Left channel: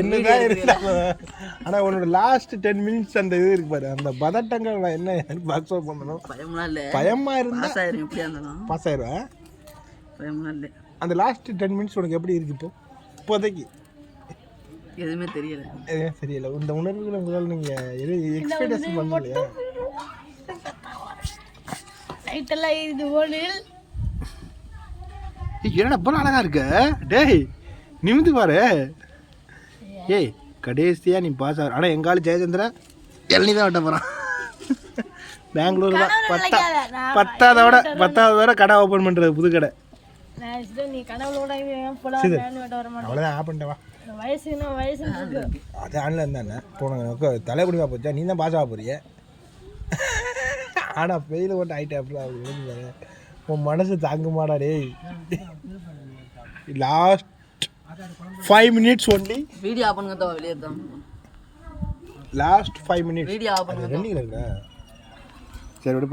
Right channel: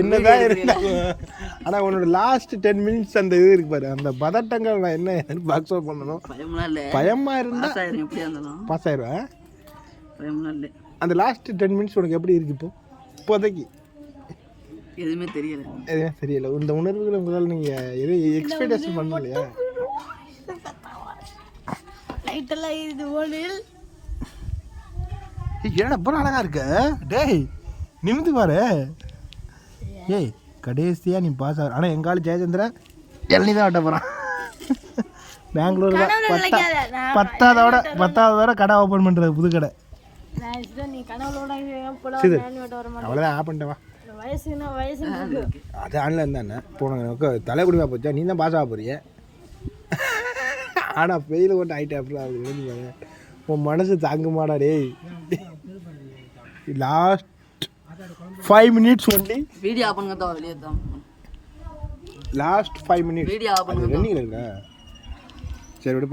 என்னதான் இருந்தாலும் ஆனால் உன்னோட லாஸ்ட் 10 minutes அந்த இது இருக்கு பாரு, அந்த பதட்டங்கள் என்ன பாக்ஸ் அவுட் பண்ணணும். பயமா இருந்தா பாஸ் ஆயிடுவேன். அந்த லாஸ்ட் 10 minutes உனக்கு எப்படி இருக்கு இப்போதைக்கு? எதுவுமே தெரியல. இந்த உணர்வுகளை உங்களால் நீங்கள் எதுவும் எக்ஸ்பெக்டேஷன் பண்ணலையா? என்னடா ரொம்ப அழகா இருக்க டேய், நிமிந்து பாரு. ஏய் கடைசியா நீ பாஸ் ஆகிற. ஆனால் எங்காலும் ஜெயச்சந்திரா இளநீ தான் வெட்ட போகிறான். பெங்களூர் தான் 10வது கடை ஓப்பன் பண்ணுறது, புது கடை. அவ்வளோதான் ஆப் பண்ணிட்டவா. அது ஆன்லைன் இருந்தானே போன தலைக்குடிமா போச்சா, நீ தான் பாஸ் ஆக போறிய. ஆனால் ஃபெயில் ஓட்ட ஆகிட்டேன் அப்படிலாம் உன் மனசு தாங்குமாடா டேய். Last 5 minutes only. Video off பண்ணுங்க தான் வெளியே தான். லாஸ்ட் 5 minutes வீடியோ ஆஃப் பண்ணுங்க. ரன்னிங்ல இருக்கா? சரி விடு.